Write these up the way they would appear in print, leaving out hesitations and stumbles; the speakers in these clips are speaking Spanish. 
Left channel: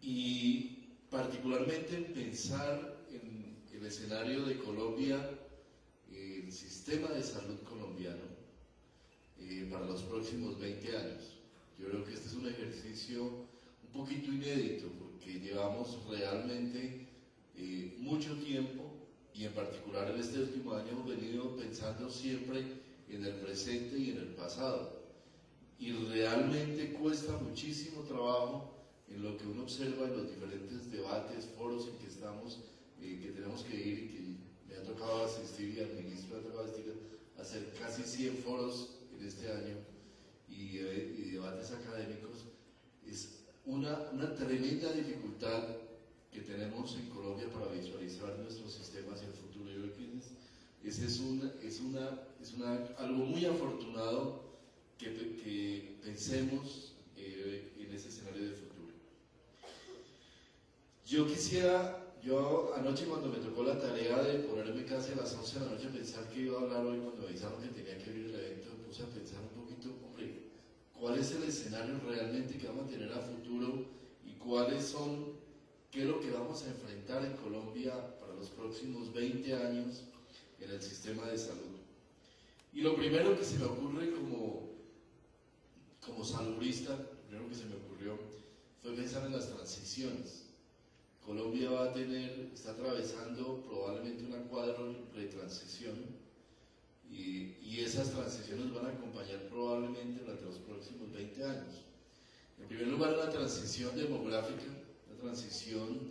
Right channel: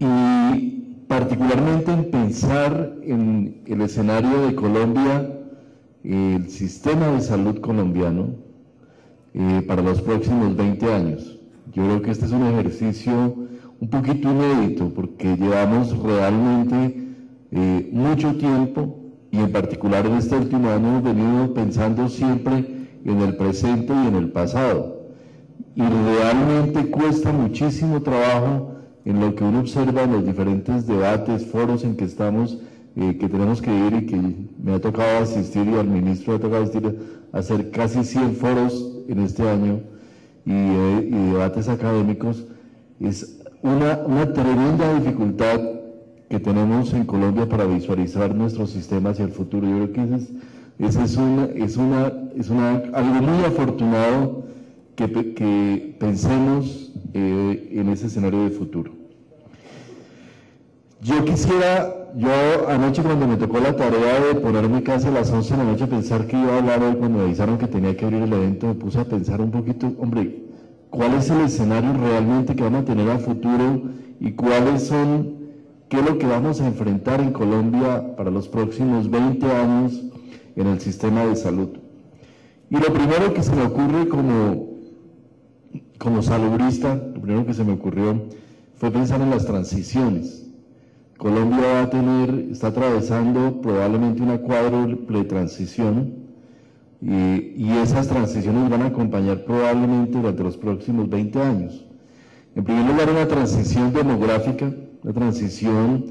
y particularmente en pensar en el escenario de Colombia, el sistema de salud colombiano para los próximos 20 años. Yo creo que este es un ejercicio un poquito inédito porque llevamos realmente mucho tiempo y en particular en este último año hemos venido pensando siempre en el presente y en el pasado. Y realmente cuesta muchísimo trabajo en lo que uno observa en los diferentes debates, foros en que estamos, que tenemos que ir y que me ha tocado asistir y al ministro le ha tocado asistir a hacer casi 100 foros en este año y debates académicos. Es una tremenda dificultad que tenemos en Colombia para visualizar nuestros sistemas hacia el futuro. Yo creo que ese es algo muy afortunado que pensemos en ese escenario de futuro. Yo anoche cuando me tocó la tarea de ponerme casi a las 11 de la noche a pensar que iba a hablar hoy, cuando me avisaron que tenía que abrir el evento, me puse a pensar un poquito, hombre, ¿cuál es el escenario realmente que vamos a tener a futuro y qué es lo que vamos a enfrentar en Colombia para los próximos 20 años en el sistema de salud? Y lo primero que se me ocurre como salubrista, lo primero que se me ocurrió fue pensar en las transiciones. Colombia está atravesando probablemente una cuádruple transición y esas transiciones van a acompañar probablemente durante los próximos 20 años. En primer lugar, una transición demográfica, una transición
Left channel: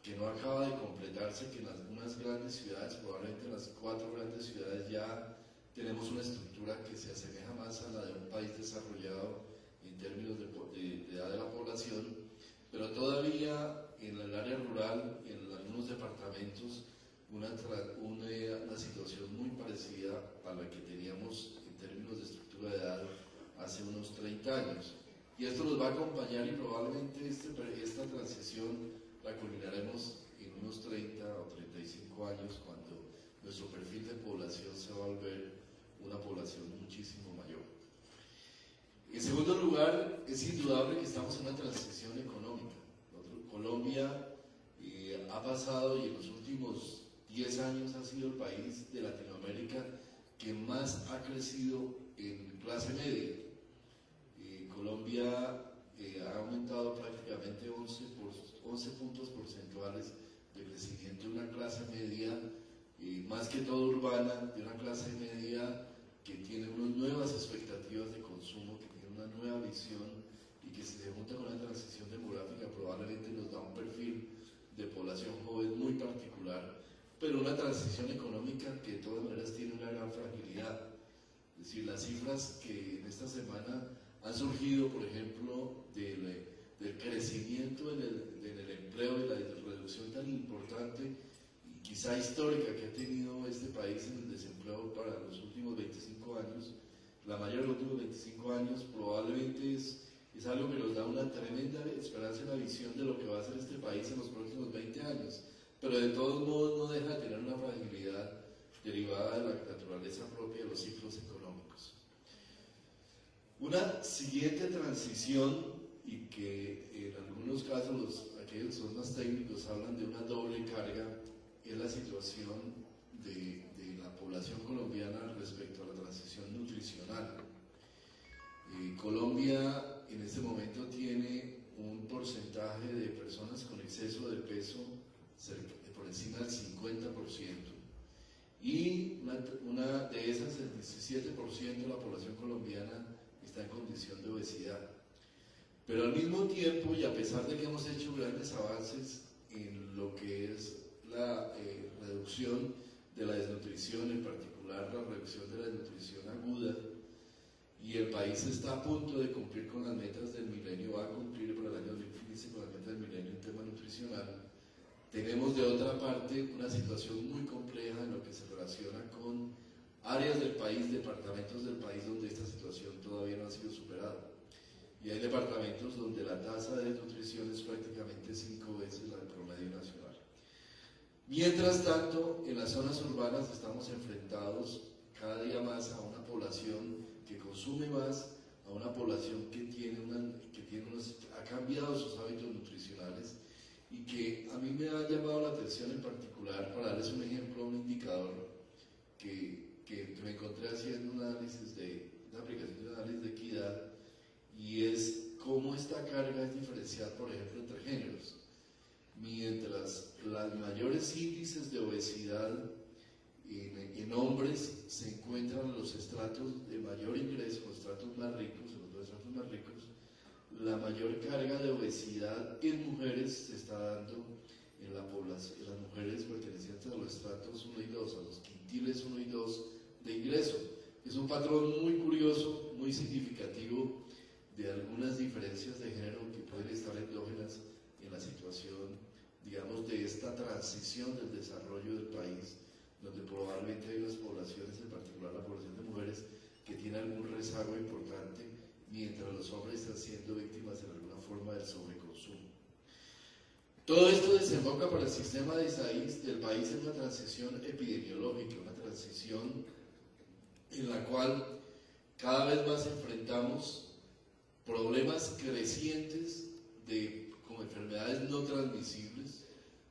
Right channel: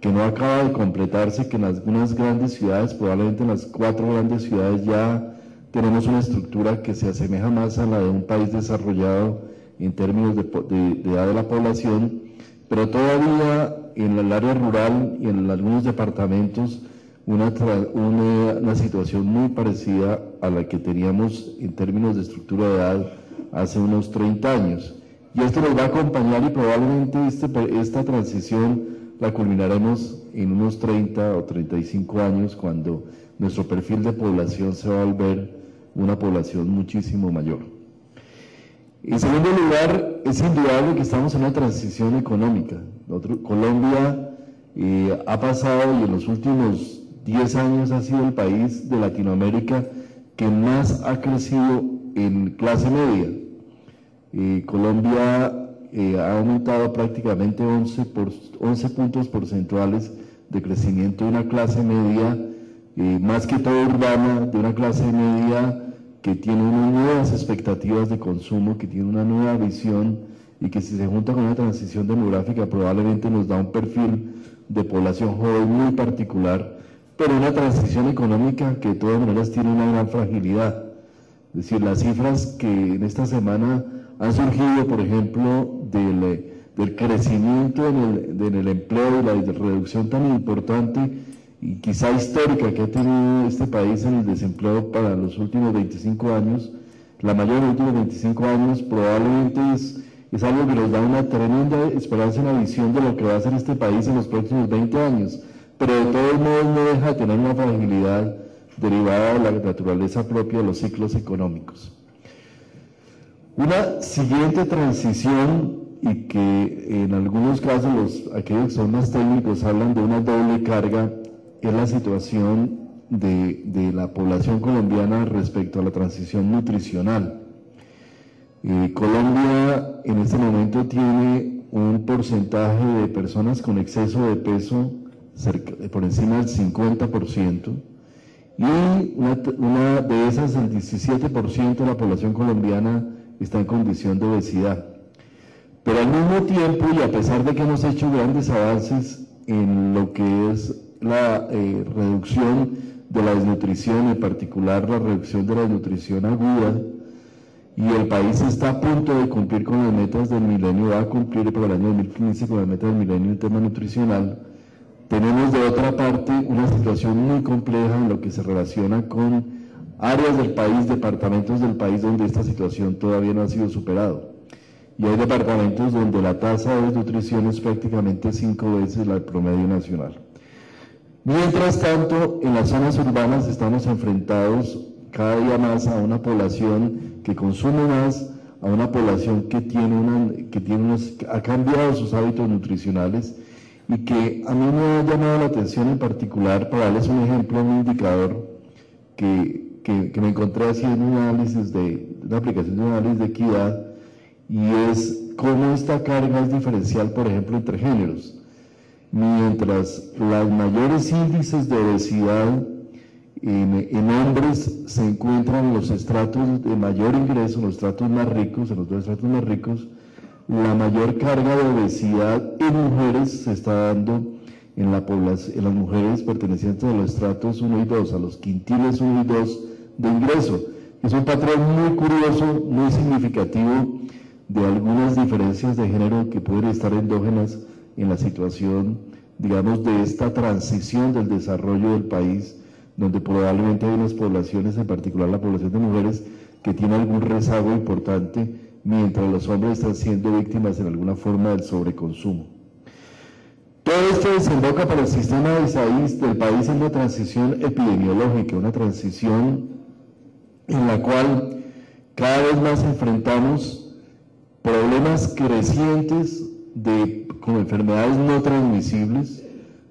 que no acaba de completarse, que en algunas grandes ciudades, probablemente en las 4 grandes ciudades ya tenemos una estructura que se asemeja más a la de un país desarrollado en términos de edad de la población, pero todavía en el área rural y en algunos departamentos una situación muy parecida a la que teníamos en términos de estructura de edad hace unos 30 años. Y esto nos va a acompañar y probablemente esta transición la culminaremos en unos 30 o 35 años cuando nuestro perfil de población se va a volver una población muchísimo mayor. En segundo lugar, es indudable que estamos en una transición económica. Colombia ha pasado y en los últimos 10 años ha sido el país de Latinoamérica que más ha crecido en clase media. Colombia ha aumentado prácticamente 11 puntos porcentuales de crecimiento de una clase media, más que todo urbana, de una clase media que tiene unas nuevas expectativas de consumo, que tiene una nueva visión y que si se junta con una transición demográfica probablemente nos da un perfil de población joven muy particular, pero una transición económica que de todas maneras tiene una gran fragilidad. Es decir, las cifras que en esta semana han surgido, por ejemplo, del crecimiento en el empleo y la reducción tan importante y quizá histórica que ha tenido este país en el desempleo para los últimos 25 años, la mayor de los últimos 25 años, probablemente es algo que nos da una tremenda esperanza y una visión de lo que va a hacer este país en los próximos 20 años, pero de todos modos no deja de tener una fragilidad derivada de la naturaleza propia de los ciclos económicos. Una siguiente transición, y que en algunos casos aquellos que son más técnicos hablan de una doble carga, es la situación de la población colombiana respecto a la transición nutricional. Colombia en este momento tiene un porcentaje de personas con exceso de peso por encima del 50%, y una de esas, el 17% de la población colombiana está en condición de obesidad. Pero al mismo tiempo, y a pesar de que hemos hecho grandes avances en lo que es la reducción de la desnutrición, en particular la reducción de la desnutrición aguda, y el país está a punto de cumplir con las metas del milenio, va a cumplir para el año 2015 con las metas del milenio en tema nutricional, tenemos de otra parte una situación muy compleja en lo que se relaciona con áreas del país, departamentos del país donde esta situación todavía no ha sido superada. Y hay departamentos donde la tasa de desnutrición es prácticamente 5 veces la del promedio nacional. Mientras tanto, en las zonas urbanas estamos enfrentados cada día más a una población que consume más, a una población que ha cambiado sus hábitos nutricionales y que a mí me ha llamado la atención en particular, para darles un ejemplo, un indicador que me encontré haciendo una aplicación de un análisis de equidad, y es cómo esta carga es diferencial, por ejemplo, entre géneros. Mientras los mayores índices de obesidad en hombres se encuentran en los estratos de mayor ingreso, en los estratos más ricos, en los dos estratos más ricos, la mayor carga de obesidad en mujeres se está dando en las mujeres pertenecientes a los estratos 1 y 2, a los quintiles 1 y 2 de ingreso. Es un patrón muy curioso, muy significativo de algunas diferencias de género que pueden estar endógenas en la situación, digamos, de esta transición del desarrollo del país, donde probablemente hay unas poblaciones, en particular la población de mujeres, que tiene algún rezago importante, mientras los hombres están siendo víctimas en alguna forma del sobreconsumo. Todo esto desemboca para el sistema del país en una transición epidemiológica, una transición en la cual cada vez más enfrentamos problemas crecientes con enfermedades no transmisibles,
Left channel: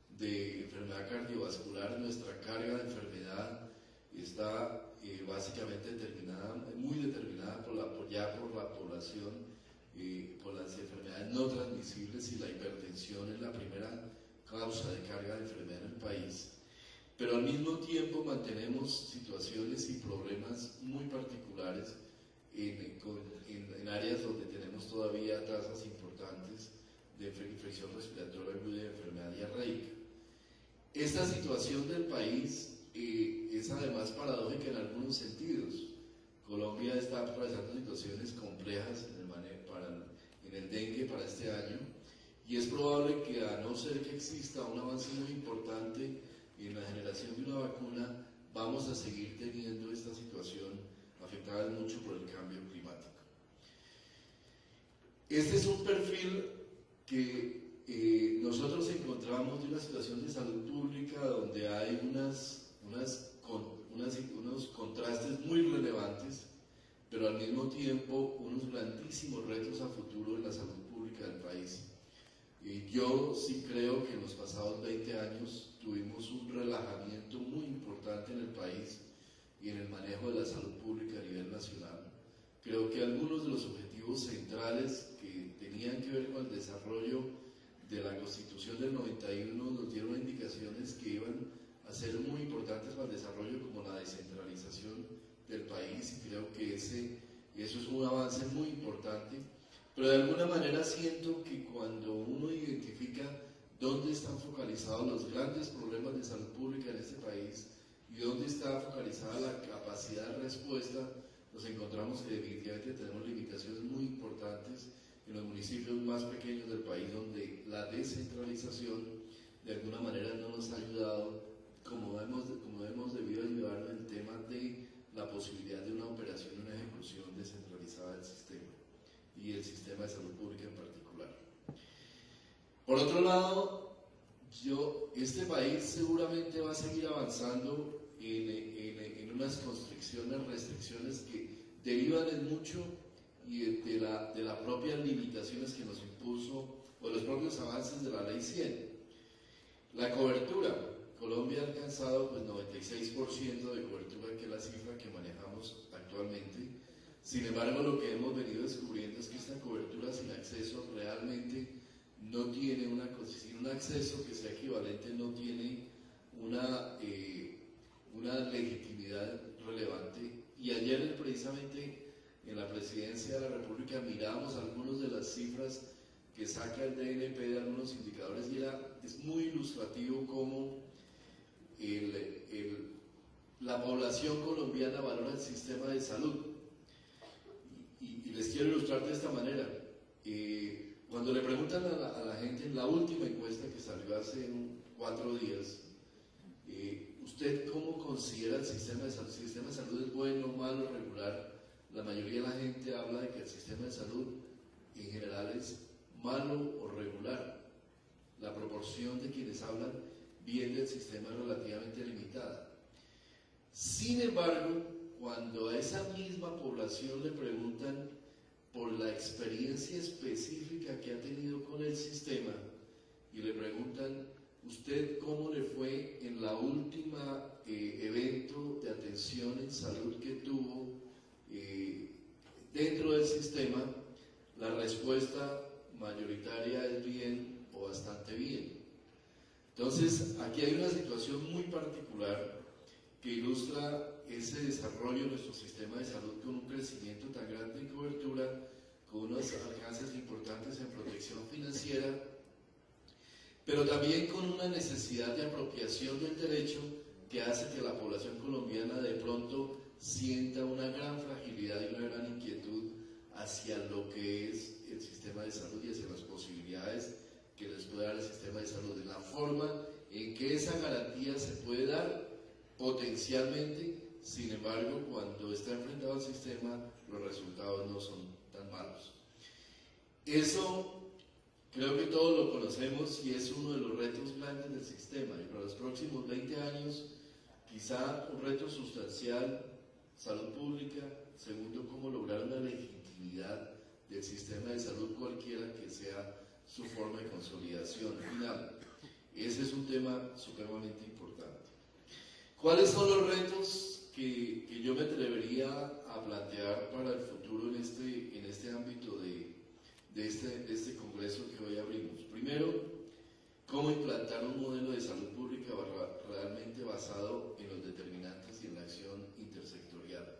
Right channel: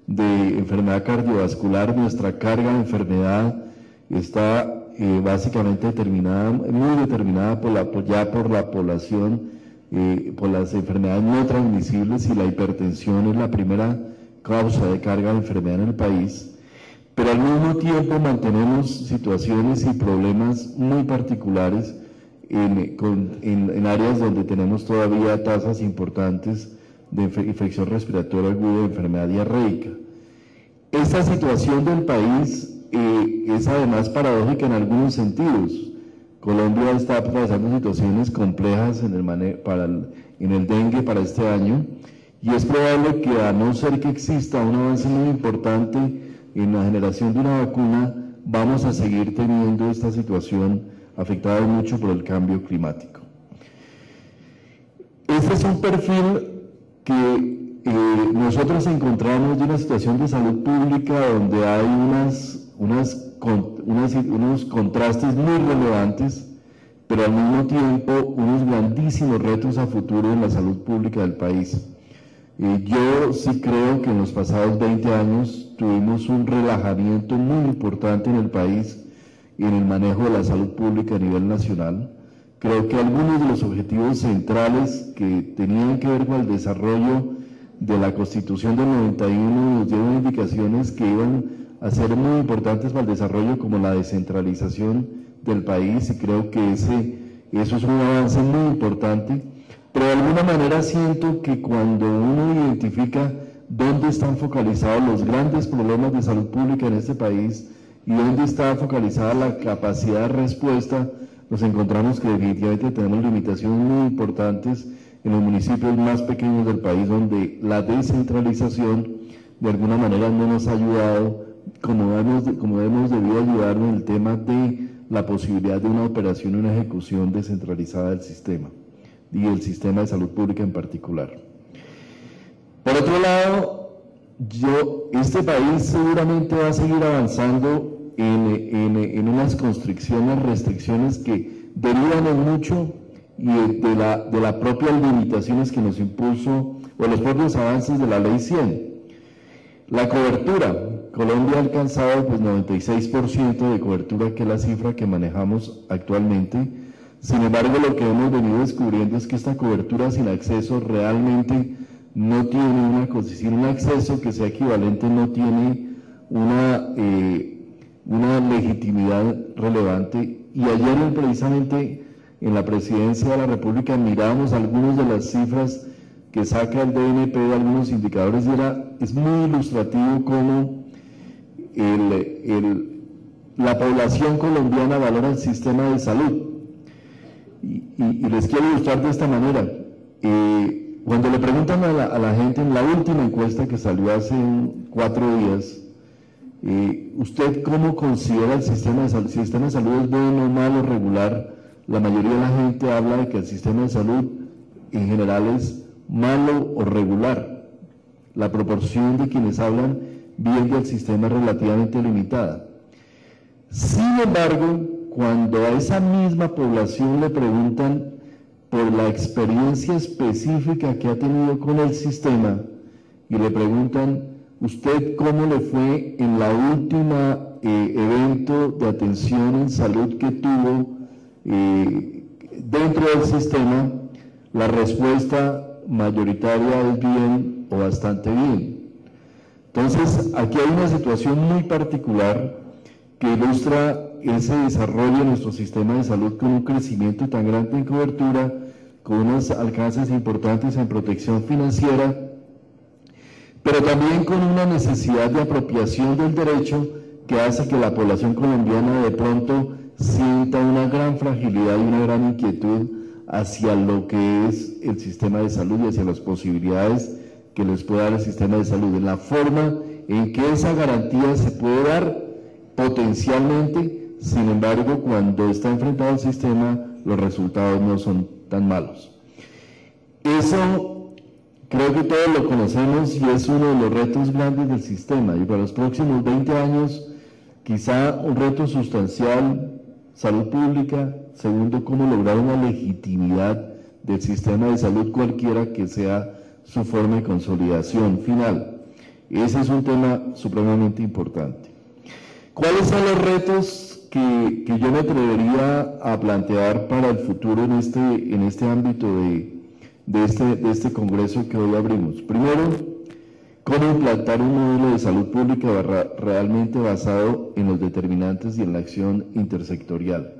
de enfermedad cardiovascular. Nuestra carga de enfermedad está básicamente muy determinada por la población, por las enfermedades no transmisibles, y la hipertensión es la primera causa de carga de enfermedad en el país. Pero al mismo tiempo mantenemos situaciones y problemas muy particulares en áreas donde tenemos todavía tasas importantes de infección respiratoria aguda y enfermedad diarreica. Esta situación del país es además paradójica en algunos sentidos. Colombia está pasando situaciones complejas en el dengue para este año, y es probable que, a no ser que exista un avance muy importante en la generación de una vacuna, vamos a seguir teniendo esta situación afectada mucho por el cambio climático. Este es un perfil que nosotros encontramos de una situación de salud pública donde hay unos contrastes muy relevantes, pero al mismo tiempo unos grandísimos retos a futuro en la salud pública del país. Yo sí creo que en los pasados 20 años tuvimos un relajamiento muy importante en el país y en el manejo de la salud pública a nivel nacional. Creo que algunos de los objetivos centrales que tenían que ver con el desarrollo de la Constitución del 91 nos dieron indicaciones que iban a ser muy importantes para el desarrollo, como la descentralización del país, y creo que eso es un avance muy importante. Pero de alguna manera siento que cuando uno identifica dónde están focalizados los grandes problemas de salud pública en este país y dónde está focalizada la capacidad de respuesta, nos encontramos que definitivamente tenemos limitaciones muy importantes en los municipios más pequeños del país, donde la descentralización de alguna manera no nos ha ayudado como hemos debido ayudarnos en el tema de la posibilidad de una operación y una ejecución descentralizada del sistema, y el sistema de salud pública en particular. Por otro lado, este país seguramente va a seguir avanzando en unas constricciones, restricciones que derivan en mucho y de las propias limitaciones que nos impuso, o los propios avances de la Ley 100. La cobertura. Colombia ha alcanzado 96% de cobertura, que es la cifra que manejamos actualmente. Sin embargo, lo que hemos venido descubriendo es que esta cobertura sin acceso realmente no tiene un acceso que sea equivalente, no tiene una legitimidad relevante. Y ayer precisamente en la Presidencia de la República mirábamos algunas de las cifras que saca el DNP de algunos indicadores, y es muy ilustrativo cómo la población colombiana valora el sistema de salud. Y les quiero ilustrar de esta manera. Cuando le preguntan a la gente en la última encuesta que salió hace 4 días, ¿usted cómo considera el sistema de salud? Si el sistema de salud es bueno, malo, regular, la mayoría de la gente habla de que el sistema de salud en general es malo o regular. La proporción de quienes hablan bien del sistema es relativamente limitada. Sin embargo, cuando a esa misma población le preguntan por la experiencia específica que ha tenido con el sistema y le preguntan, ¿usted cómo le fue en la última evento de atención en salud que tuvo dentro del sistema? La respuesta mayoritaria es bien o bastante bien. Entonces, aquí hay una situación muy particular que ilustra ese desarrollo de nuestro sistema de salud con un crecimiento tan grande en cobertura, con unos alcances importantes en protección financiera, pero también con una necesidad de apropiación del derecho que hace que la población colombiana de pronto sienta una gran fragilidad y una gran inquietud hacia lo que es el sistema de salud y hacia las posibilidades que les puede dar el sistema de salud, en la forma en que esa garantía se puede dar potencialmente. Sin embargo, cuando está enfrentado al sistema, los resultados no son tan malos. Eso creo que todos lo conocemos y es uno de los retos grandes del sistema. Y para los próximos 20 años, quizá un reto sustancial, salud pública. Segundo, cómo lograr una legitimidad del sistema de salud, cualquiera que sea su forma de consolidación final. Ese es un tema supremamente importante. ¿Cuáles son los retos que yo me atrevería a plantear para el futuro en este ámbito de este congreso que hoy abrimos? Primero, cómo implantar un modelo de salud pública realmente basado en los determinantes y en la acción intersectorial.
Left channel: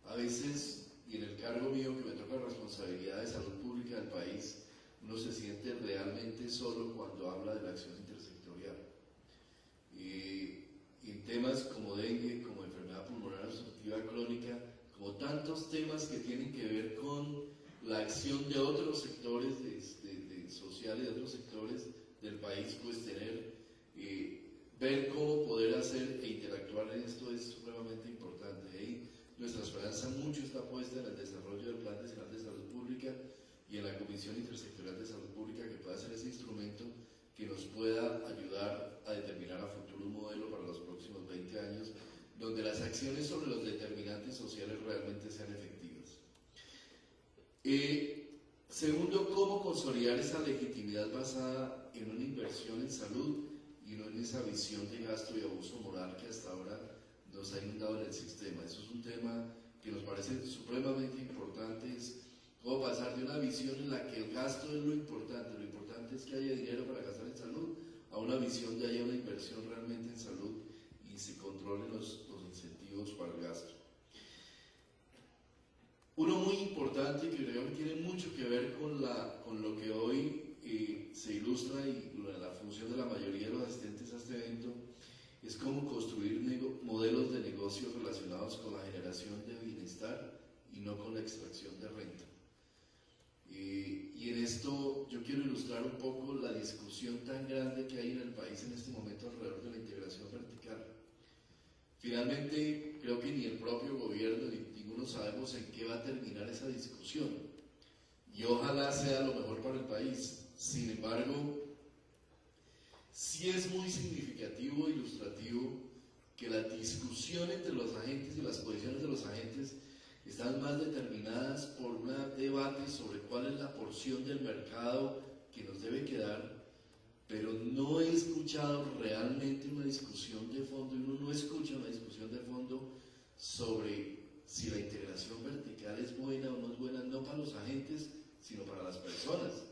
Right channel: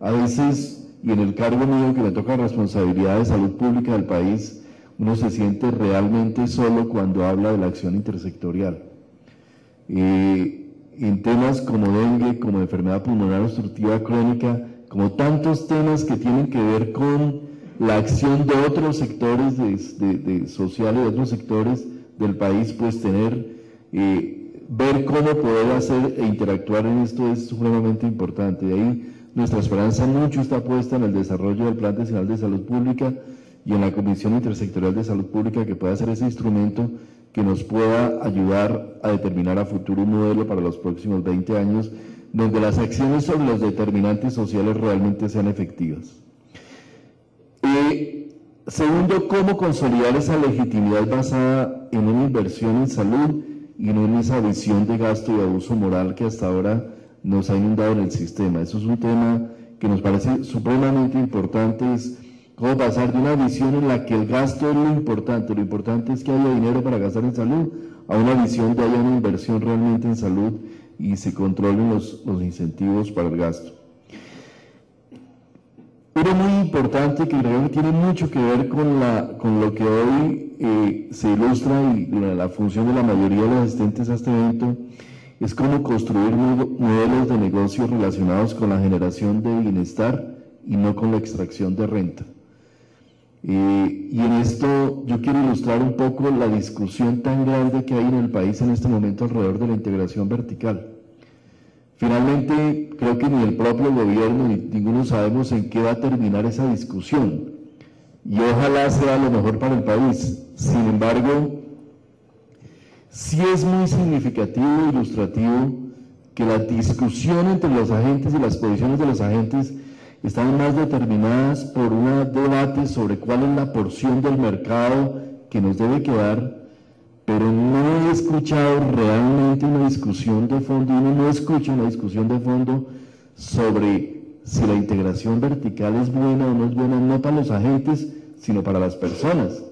A veces, y en el cargo mío que me toca responsabilidad de salud pública del país, uno se siente realmente solo cuando habla de la acción intersectorial. En temas como dengue, como enfermedad pulmonar obstructiva crónica, como tantos temas que tienen que ver con la acción de otros sectores sociales, de otros sectores del país, pues ver cómo poder hacer e interactuar en esto es supremamente importante. De ahí nuestra esperanza mucho está puesta en el desarrollo del Plan Nacional de Salud Pública y en la Comisión Intersectorial de Salud Pública, que pueda ser ese instrumento que nos pueda ayudar a determinar a futuro un modelo para los próximos 20 años, donde las acciones sobre los determinantes sociales realmente sean efectivas. Segundo, cómo consolidar esa legitimidad basada en una inversión en salud y no en esa visión de gasto y abuso moral que hasta ahora nos ha inundado en el sistema. Eso es un tema que nos parece supremamente importante, es cómo pasar de una visión en la que el gasto es lo importante es que haya dinero para gastar en salud, a una visión de haya una inversión realmente en salud y se controlen los incentivos para el gasto. Uno muy importante que creo que tiene mucho que ver con lo que hoy se ilustra y la función de la mayoría de los asistentes a este evento, es cómo construir modelos de negocio relacionados con la generación de bienestar y no con la extracción de renta. Y en esto yo quiero ilustrar un poco la discusión tan grande que hay en el país en este momento alrededor de la integración vertical. Finalmente, creo que ni el propio gobierno ni ninguno sabemos en qué va a terminar esa discusión. Y ojalá sea lo mejor para el país. Sin embargo, sí es muy significativo e ilustrativo que la discusión entre los agentes y las posiciones de los agentes están más determinadas por un debate sobre cuál es la porción del mercado que nos debe quedar, pero no he escuchado realmente una discusión de fondo, y uno no escucha una discusión de fondo sobre si la integración vertical es buena o no es buena, no para los agentes, sino para las personas.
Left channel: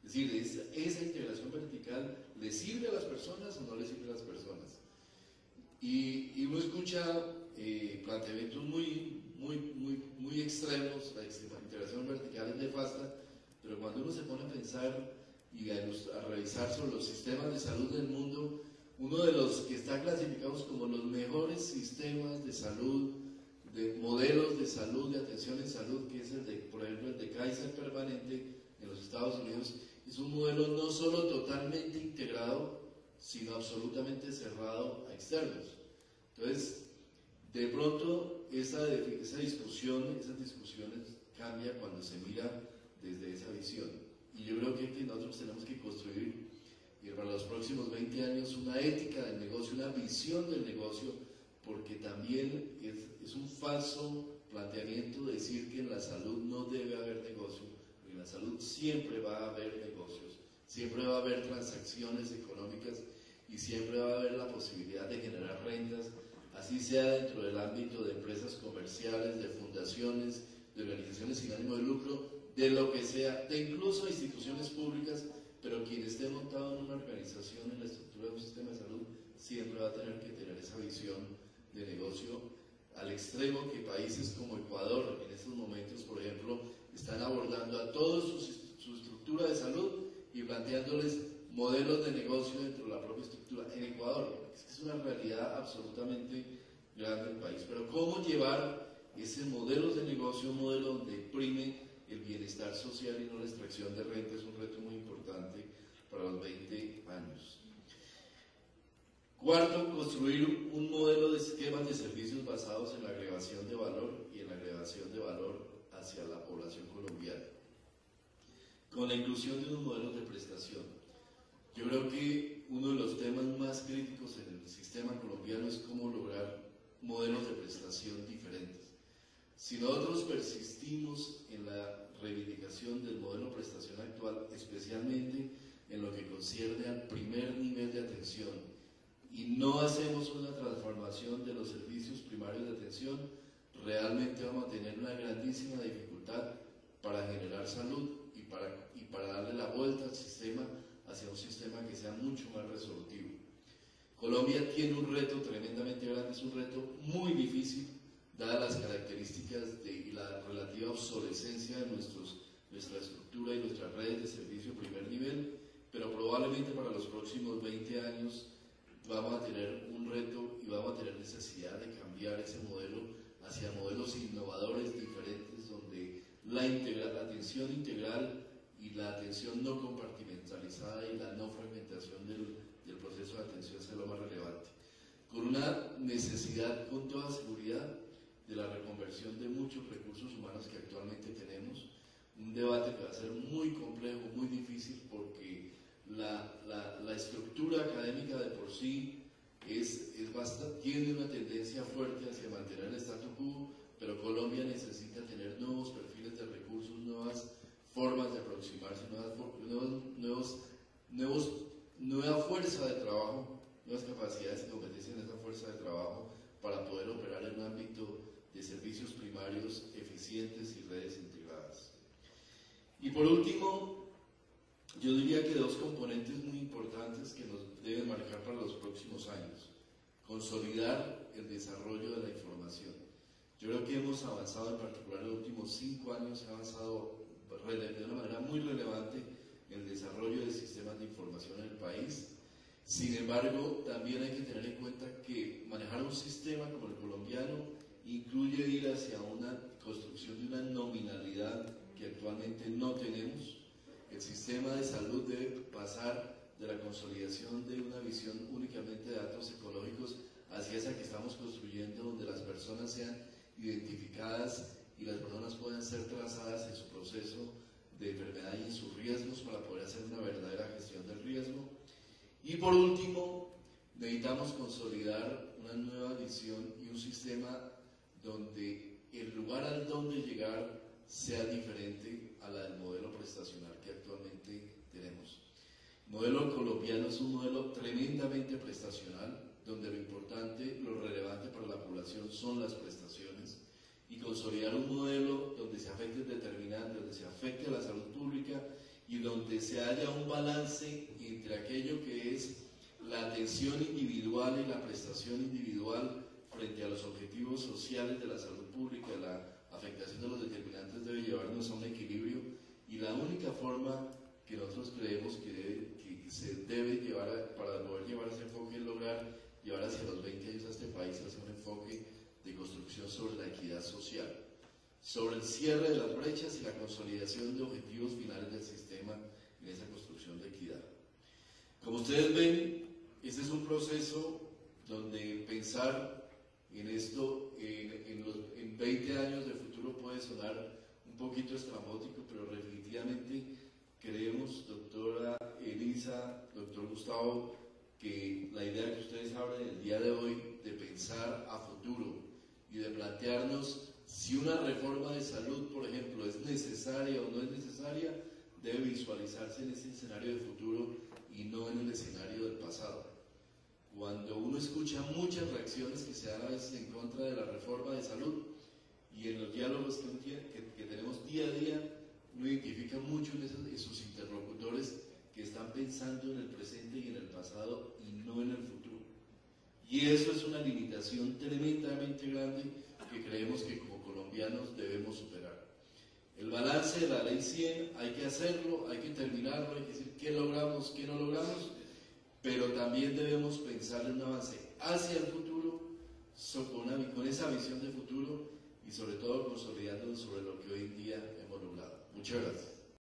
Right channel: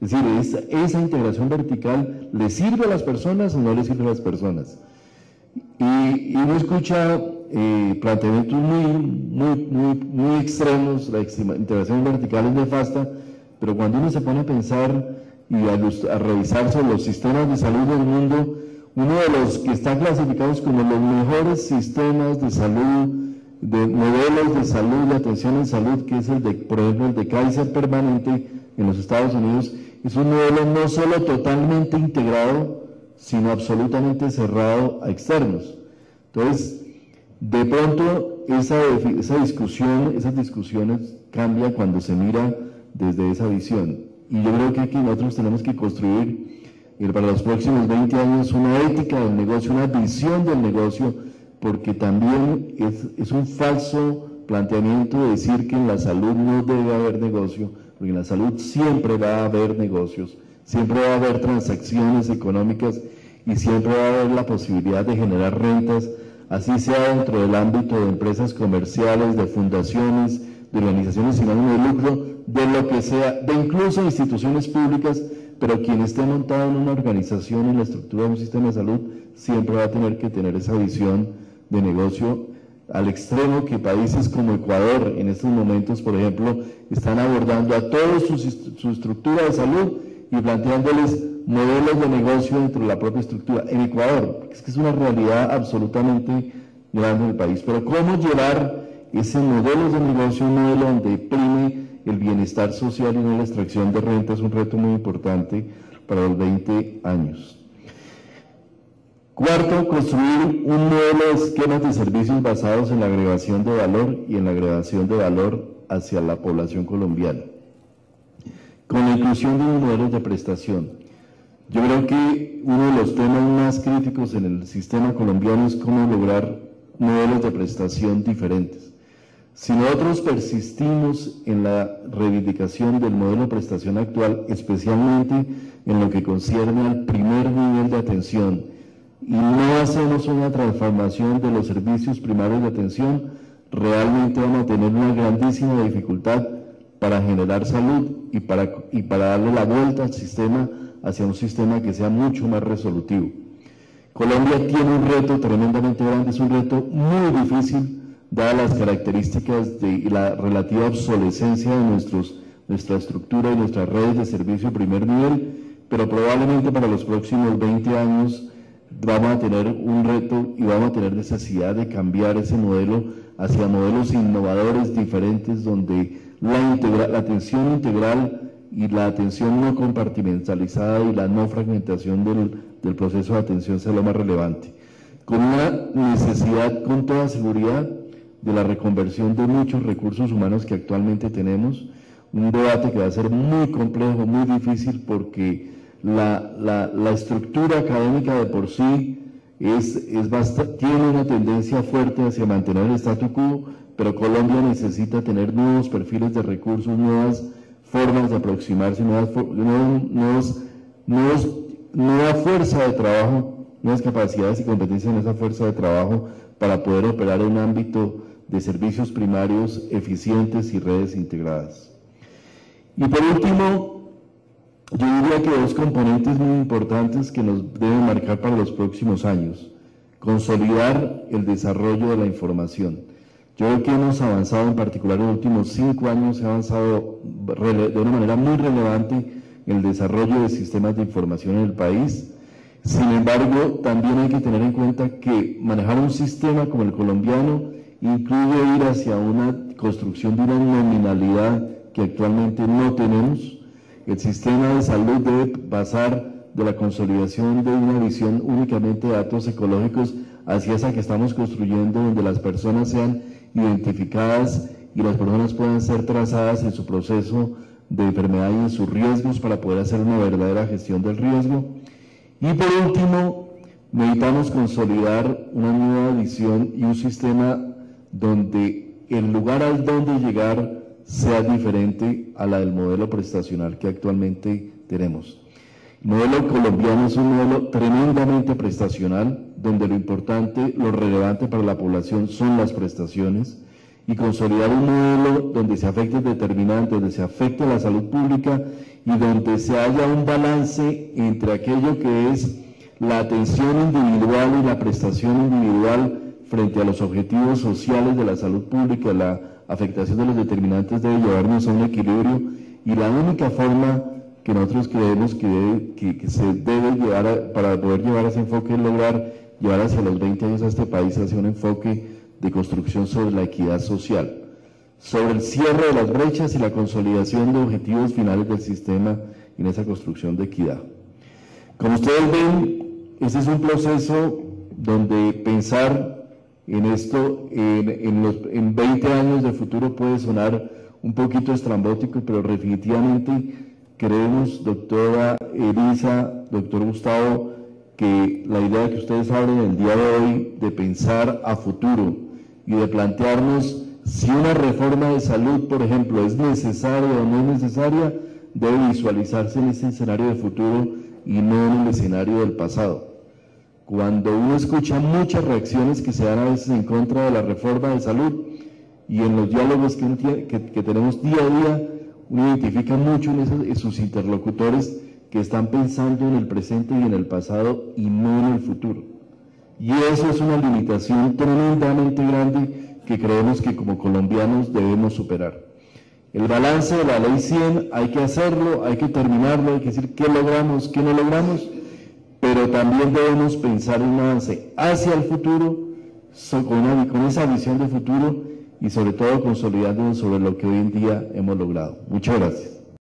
Es decir, esa integración vertical, ¿le sirve a las personas o no le sirve a las personas? Y uno escucha planteamientos muy extremos, la integración vertical es nefasta, pero cuando uno se pone a pensar y a revisar sobre los sistemas de salud del mundo, uno de los que está clasificados como los mejores sistemas de salud, de modelos de salud, de atención en salud, que es por ejemplo, el de Kaiser Permanente en los Estados Unidos, es un modelo no solo totalmente integrado, sino absolutamente cerrado a externos. Entonces, de pronto, esas discusiones cambian cuando se mira desde esa visión. Y yo creo que aquí nosotros tenemos que construir para los próximos 20 años una ética del negocio, una visión del negocio, porque también es un falso planteamiento de decir que en la salud no debe haber negocio, porque en la salud siempre va a haber negocios, siempre va a haber transacciones económicas y siempre va a haber la posibilidad de generar rentas, así sea dentro del ámbito de empresas comerciales, de fundaciones, de organizaciones sin ánimo de lucro, de lo que sea, de incluso instituciones públicas, pero quien esté montado en una organización, en la estructura de un sistema de salud, siempre va a tener que tener esa visión de negocio, al extremo que países como Ecuador en estos momentos, por ejemplo, están abordando a toda su estructura de salud y planteándoles modelos de negocio dentro de la propia estructura. En Ecuador, es que es una realidad absolutamente grande en el país, pero ¿cómo llevar ese modelo de negocio, un modelo donde prime el bienestar social y no la extracción de renta? Es un reto muy importante para los 20 años. Cuarto, construir un modelo de esquemas de servicios basados en la agregación de valor y en la agregación de valor hacia la población colombiana. Con la inclusión de unos modelos de prestación. Yo creo que uno de los temas más críticos en el sistema colombiano es cómo lograr modelos de prestación diferentes. Si nosotros persistimos en la reivindicación del modelo de prestación actual, especialmente en lo que concierne al primer nivel de atención, y no hacemos una transformación de los servicios primarios de atención, realmente vamos a tener una grandísima dificultad para generar salud y para darle la vuelta al sistema hacia un sistema que sea mucho más resolutivo. Colombia tiene un reto tremendamente grande, es un reto muy difícil, dadas las características y la relativa obsolescencia de nuestra estructura y nuestras redes de servicio de primer nivel, pero probablemente para los próximos 20 años vamos a tener un reto y vamos a tener necesidad de cambiar ese modelo hacia modelos innovadores diferentes donde la atención integral y la atención no compartimentalizada y la no fragmentación del proceso de atención sea lo más relevante. Con una necesidad con toda seguridad de la reconversión de muchos recursos humanos que actualmente tenemos, un debate que va a ser muy complejo, muy difícil porque la estructura académica de por sí tiene una tendencia fuerte hacia mantener el statu quo, pero Colombia necesita tener nuevos perfiles de recursos, nuevas formas de aproximarse, nueva fuerza de trabajo, nuevas capacidades y competencias en esa fuerza de trabajo para poder operar en un ámbito de servicios primarios eficientes y redes integradas. Y por último, yo diría que dos componentes muy importantes que nos deben marcar para los próximos años. Consolidar el desarrollo de la información. Yo creo que hemos avanzado, en particular en los últimos 5 años, se ha avanzado de una manera muy relevante en el desarrollo de sistemas de información en el país. Sin embargo, también hay que tener en cuenta que manejar un sistema como el colombiano incluye ir hacia una construcción de una nominalidad que actualmente no tenemos. El sistema de salud debe pasar de la consolidación de una visión únicamente de datos ecológicos hacia esa que estamos construyendo, donde las personas sean identificadas y las personas puedan ser trazadas en su proceso de enfermedad y en sus riesgos para poder hacer una verdadera gestión del riesgo. Y por último, necesitamos consolidar una nueva visión y un sistema donde el lugar al donde llegar sea diferente a la del modelo prestacional que actualmente tenemos. El modelo colombiano es un modelo tremendamente prestacional, donde lo importante, lo relevante para la población son las prestaciones, y consolidar un modelo donde se afecte determinante, donde se afecte la salud pública y donde se haya un balance entre aquello que es la atención individual y la prestación individual frente a los objetivos sociales de la salud pública. La afectación de los determinantes debe llevarnos a un equilibrio, y la única forma que nosotros creemos que se debe llevar para poder llevar ese enfoque es lograr llevar hacia los 20 años a este país hacia un enfoque de construcción sobre la equidad social, sobre el cierre de las brechas y la consolidación de objetivos finales del sistema en esa construcción de equidad. Como ustedes ven, este es un proceso donde pensar en esto en 20 años de futuro puede sonar un poquito estrambótico, pero definitivamente creemos, doctora Elisa, doctor Gustavo, que la idea que ustedes hablan el día de hoy de pensar a futuro y de plantearnos si una reforma de salud, por ejemplo, es necesaria o no es necesaria, debe visualizarse en este escenario de futuro y no en el escenario del pasado. Cuando uno escucha muchas reacciones que se dan a veces en contra de la reforma de salud y en los diálogos que tenemos día a día, uno identifica mucho en sus interlocutores que están pensando en el presente y en el pasado y no en el futuro. Y eso es una limitación tremendamente grande que creemos que como colombianos debemos superar. El balance de la Ley 100 hay que hacerlo, hay que terminarlo, hay que decir qué logramos, qué no logramos, pero también debemos pensar en un avance hacia el futuro, con esa visión de futuro y sobre todo consolidándonos sobre lo que hoy en día hemos logrado. Muchas gracias.